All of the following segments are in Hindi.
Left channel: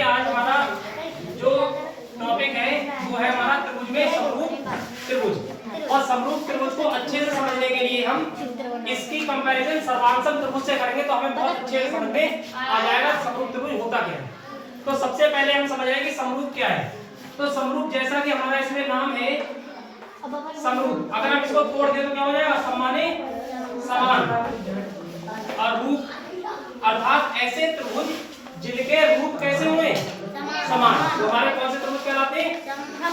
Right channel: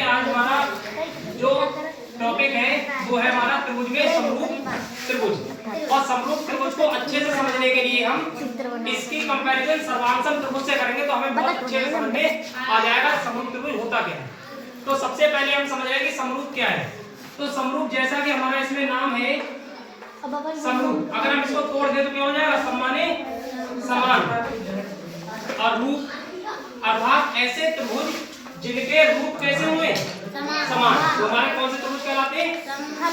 आज हमारा जो टॉपिक है वो है हमारा त्रिभुज में समरूप त्रिभुज। और समरूप त्रिभुज को अच्छे से समझने के लिए हम इसकी कंपैरिजन सर्वांशम त्रिभुज से करेंगे तो हमें बहुत अच्छे से समझ में आ जाएगा समरूप त्रिभुज होता क्या है। तो सबसे पहले हम समझ आएंगे समरूप क्या है। तो समरूप जैसा कि हमारा इसमें नाम है समरूप, अगर हम इसको तोड़ दें तो क्या हो जाएगा? समाने समान। और रूप अर्थात ऐसे त्रिभुज जिनके रूप कैसे हुए? समान। तो हमारे कौन से त्रिभुज कहलाते हैं?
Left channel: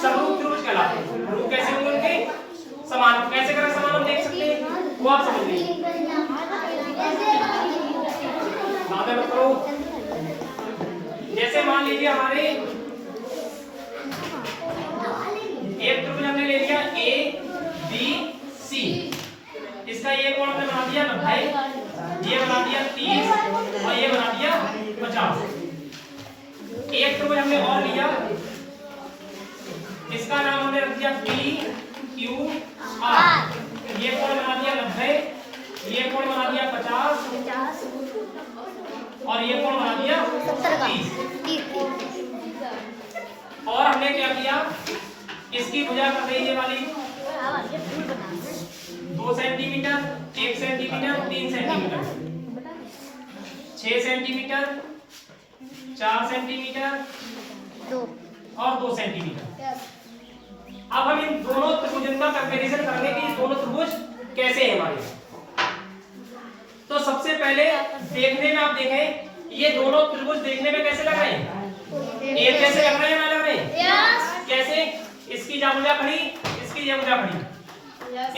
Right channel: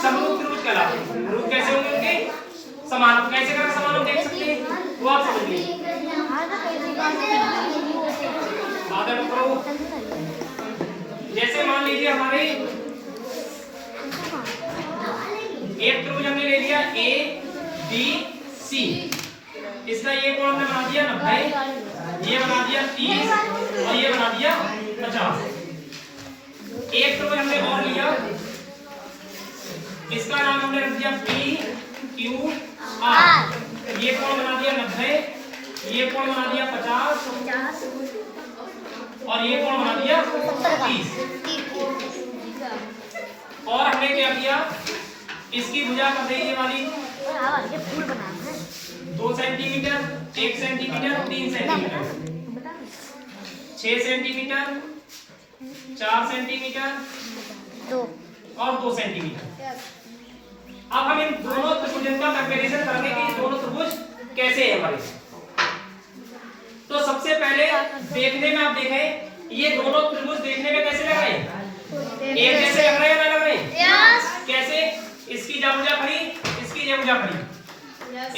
समरूप त्रिभुज कहलाते हैं। रूप कैसे होंगे उनके? समान। कैसे करें समान हम देख सकते हैं, वो आप समझ लीजिए। जैसे मान लीजिए हमारे एक त्रिभुज हमने ले लिया ए बी सी, इसका ये कोण हमने बना दिया 90, ये बना दिया 30 और ये बना दिया 50। एक त्रिभुज हमने और लिया, इसका नाम हमने रख दिया पी क्यू आर, ये कोण बना दिया 90, ये कोण बना दिया 50 और ये कोण बना दिया 30। और हमने क्या किया? इसकी भुजा कर दी ये वाली 2 centimetre, 1 centimetre, 3 centimetre, 6 centimetre, 4 centimetre और 2 सेंटीमीटर। अब हम इन दोनों त्रिभुजों का कंपैरिजन करेंगे कि ये दोनों त्रिभुज कैसे हैं हमारे। तो सबसे पहले देखने में आप देखें ये दोनों त्रिभुज देखने में कैसे लग रहे हैं? एक जैसे लग रहे हैं ना लग रहे हैं? कैसे? इसकी जा भुजा खड़ी, इसकी ये भुजा खड़ी,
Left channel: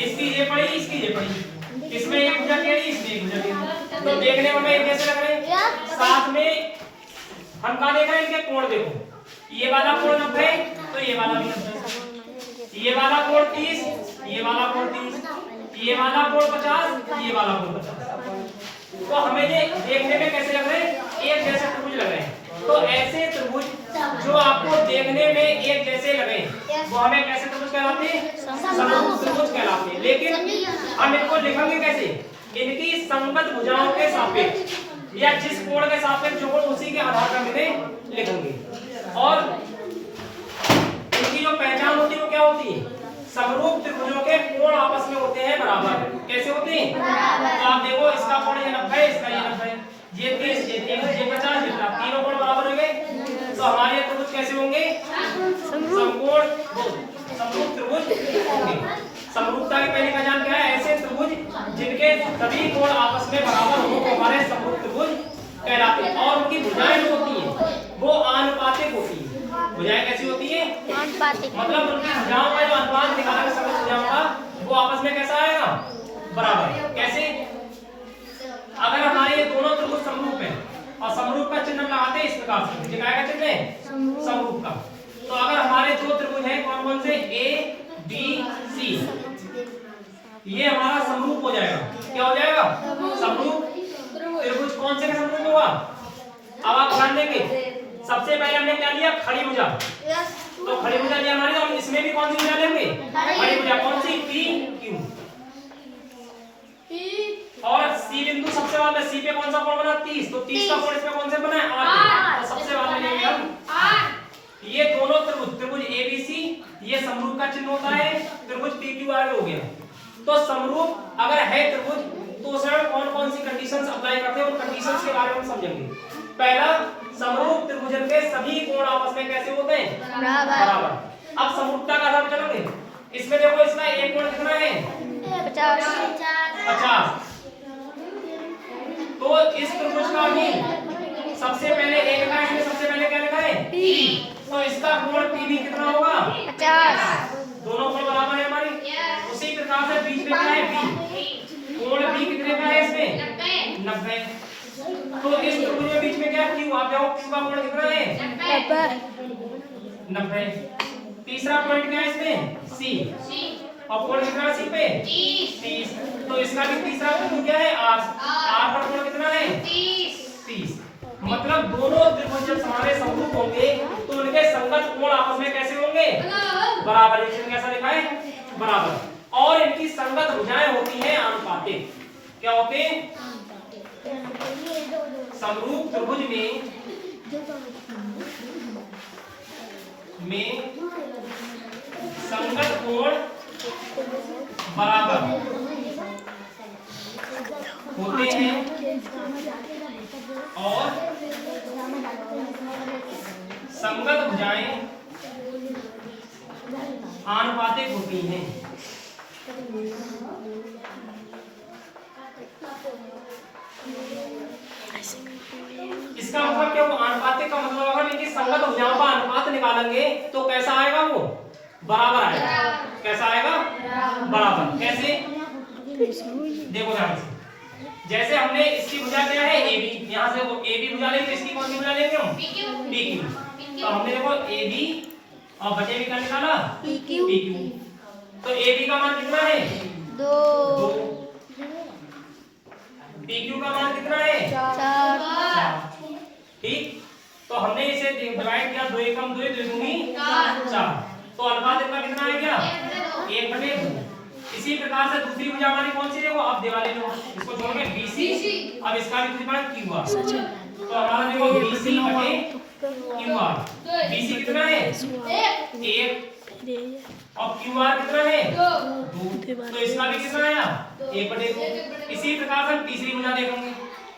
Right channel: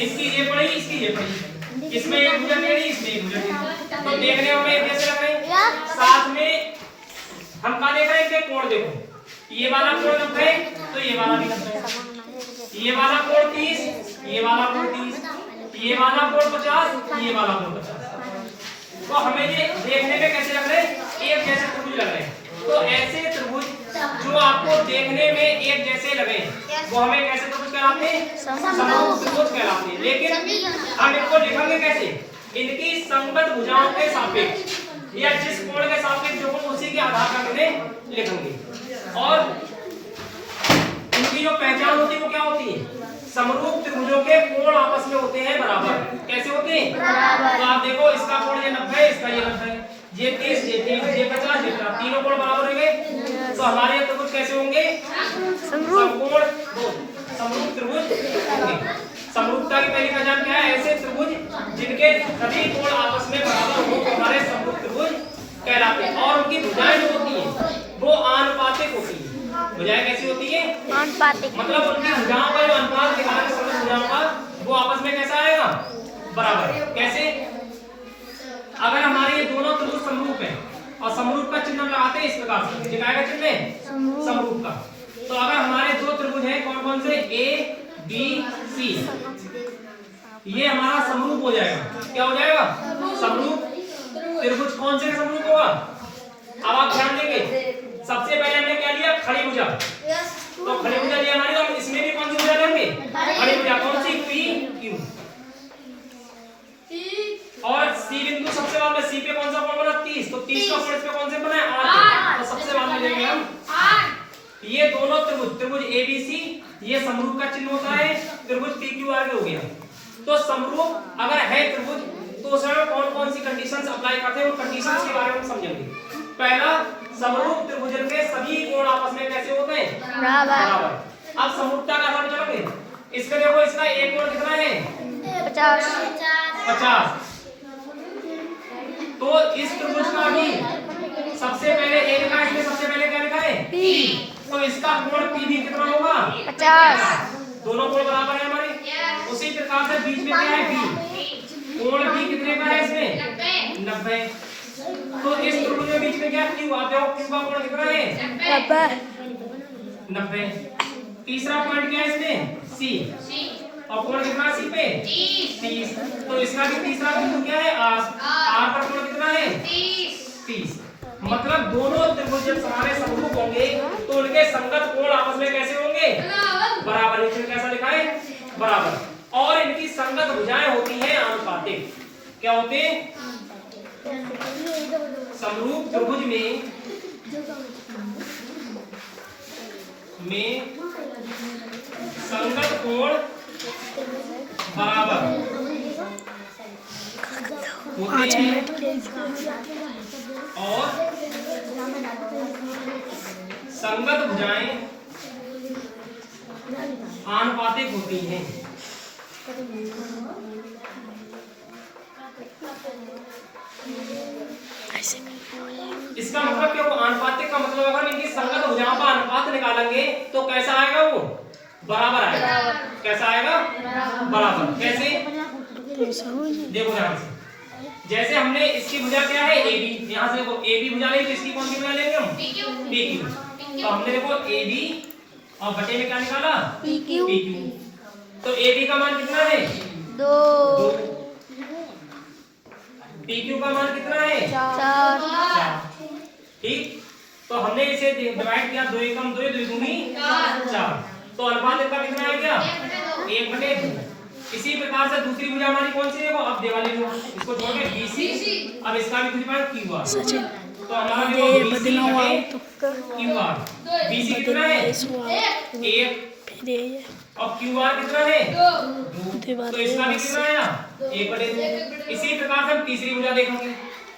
इसकी ये पड़ी, इसकी ये पड़ी, इसमें एक भुजा टेढ़ी, इसमें एक भुजा टेढ़ी। तो देखने में एक जैसे लग रहे हैं। साथ में हम क्या देखा? इनके कोण देखो, ये वाला कोण 90 तो ये वाला भी 90, ये वाला कोण 30, ये वाला कोण 30, ये वाला कोण 50, ये वाला कोण 50। तो हमें ये देखने में कैसे लग रहे हैं? एक जैसे त्रिभुज लग रहे हैं। तो ऐसे त्रिभुज जो आपको देखने में एक जैसे लगे वो हमें कैसे त्रिभुज कहलाते हैं? समरूप त्रिभुज कहलाते हैं। लेकिन हम इनको लिखेंगे कैसे? इनकी संगत भुजाओं के सापेक्ष या जिस कोण के सापेक्ष जो कोण उसी के आधार पर इन्हें लिखेंगे। और इनकी जो पहचान होती है वो क्या होती है? समरूप त्रिभुजों के कोण आपस में होते हैं बराबर। कैसे होते हैं? बराबर। तो आप देखो इसका कोण ये 90, इसका ये 90, ये 30, ये 30, ये 50, ये 50, तीनों कोण बराबर हो गए। तो हमारे त्रिभुज कैसे होंगे? समकोण समरूप त्रिभुज होंगे। समरूपता की पहली पहचान क्या है? ऐसे त्रिभुज जिनके सभी कोण आपस में बराबर हो वो हमारे समरूप त्रिभुज कहलाते हैं। और उनकी भुजाएं जो होती हैं वो आनुपातिक होती हैं। भुजाएं कैसी होती है? आनुपातिक। मतलब उनकी भुजाओं का जो अनुपात दिखाना है समरूप भुजाओं का वो आपस में कैसा आएगा? बराबर। कैसे? अगर हमारे ये दोनों त्रिभुज समरूप हैं और समरूप का चिन्ह हम लगाते हैं इस प्रकार से, दिखाएगा चिन्ह समरूप का। तो अगर हमारे दो त्रिभुज हैं कौन कौन से? ए बी सी, ये हमारा समरूप हो जाएगा। क्या हो जाएगा? समरूप त्रिभुज। कौन से का समरूप होगा? अब आप ध्यान देंगे सबसे पहले हमने क्या लिया? खड़ी भुजा। तो खड़ी भुजा लिया हमारी, तो हम इसमें भी कौन सी भुजा लेंगे? खड़ी भुजा। कौन सी? P Q. और सी बिंदु सबसे बाद में सी पे कौन सा कोण बना? 30। तो 30 का कोण इस पे कौन से बना है? 8। तो सबसे बाद में लेंगे हम 8। ये दोनों त्रिभुज त्रिभुज ए बी सी ये समरूप का चिन्ह होता है। त्रिभुज पी क्यू आर हो गया। तो समरूप अगर है त्रिभुज तो उसमें कौन कौन सी कंडीशंस अप्लाई करते हैं उन कंडीशंस के बारे में समझेंगे। पहला, समरूप त्रिभुजन के सभी कोण आपस में कैसे होते हैं? बराबर। अब समरूपता का आधार चलेंगे। इसमें देखो इसका एक कोण कितना है? 50। तो इस त्रिभुज का भी सबसे पहले ए लिखा है, इसमें सबसे पहले क्या लिखा है? पी। तो इसका कोण पी भी कितना होगा? 50। दोनों कोण बराबर है हमारे। उसी प्रकार से बीच में क्या है? बी। कोण बी कितने का है इसमें? 90। तो इस त्रिभुज के बीच में क्या है? क्यू। आप देखो किसका कोण कितना है? 90। तीसरा पॉइंट क्या है इसमें? सी। और कोण कितना सी पे? 30। तो इसका भी तीसरा बिंदु क्या है? आर। आर पर कोण कितना है? 30। मतलब दोनों त्रिभुज जब हमारे समरूप होंगे तो उनके संगत कोण आपस में कैसे होंगे? बराबर। इसमें कैसा लिखा है? बराबर। और इनकी संगत भुजाएं होती हैं आनुपातिक। क्या होते हैं? समरूप त्रिभुज में में संगत कोण बराबर होते हैं और संगत भुजाएं आनुपातिक होती हैं। इसका मतलब क्या हुआ? आनुपातिक का मतलब अगर इनकी संगत भुजाओं का अनुपात निकालेंगे तो कैसा आएगा? वो बराबर आएगा। कैसा आएगा? बराबर। कैसे? देखो ध्यान से, जैसे हमने इसकी भुजा क्या है? AB, यहाँ से वो AB भुजा लेंगे, इसकी कौन सी भुजा लेंगे हम? PQ। तो हमने देखो AB और बटे में क्या निकाला? PQ। तो AB का मान कितना है? 2। PQ का मान कितना है? 4। ठीक, तो हमने इसे डिवाइड किया, 2 एकम 2, 2 दूनी 4। तो अनुपात इनका कितना आ गया? 1/2। इसी प्रकार से दूसरी भुजा हमारी कौन सी? देखो अब देवाली लो, इसको जोड़ के BC, अब इसका भी कुछ QR। तो हमारा जो BC QR, BC कितना है? 1 और QR कितना है? 2। तो इसका भी कितना आया? 1/2। इसी प्रकार से हम तीसरी भुजा देखेंगे।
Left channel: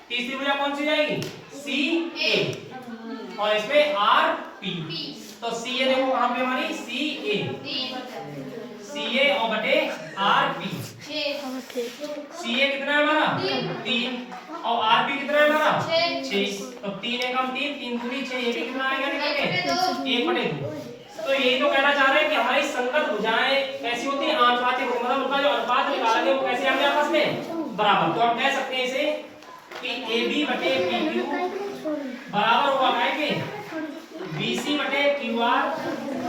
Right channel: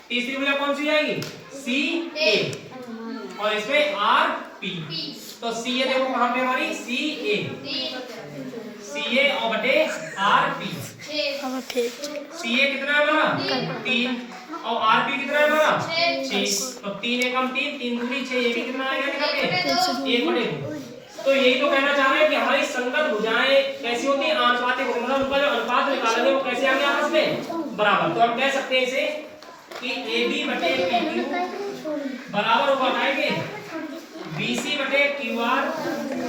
तीसरी भुजा कौन सी जाएगी? CA और इसमें RP। तो CA देखो कहां पे हमारी? CA और बटे RP। CA कितना है हमारा? 3 और RP कितना है हमारा? 6। तो 3 एकम 3, 3 दूनी 6, ये भी कितना आएगा निकल के? 1/2। तो यही तो कहना चाह रहे हैं कि हमारी संगत भुजाएं कैसी होती हैं? आनुपातिक होती हैं। मतलब उनका जो अनुपात निकालेंगे वो कैसे आएंगे आपस में? बराबर। तो हम कह सकते हैं इसे कि AB बटे PQ बराबर होगा आएंगे BC बटे QR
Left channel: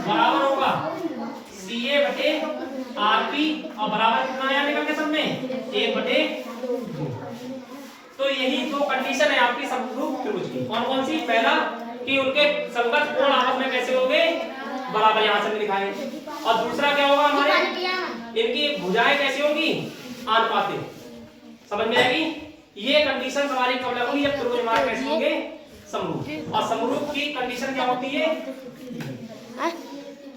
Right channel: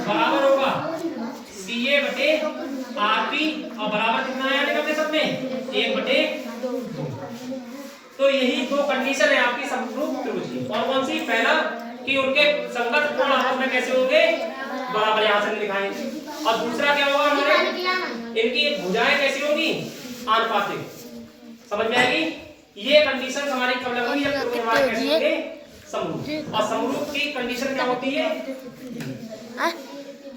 बराबर होगा CA बटे RP और बराबर कितना आया निकल के सब में? 1/2। तो यही दो कंडीशन है आपकी समरूप त्रिभुज की। कौन कौन सी? पहला कि उनके संगत कोण आपस में कैसे होंगे? बराबर, यहाँ से लिखा है। और दूसरा क्या होगा हमारे? इनकी भुजाएं कैसी होगी? आनुपातिक। समझ में आएगी? ये कंडीशन हमारी कब लगेगी? जब त्रिभुज हमारे कैसे होंगे? समरूप। और समरूप की कंडीशन क्या होती है?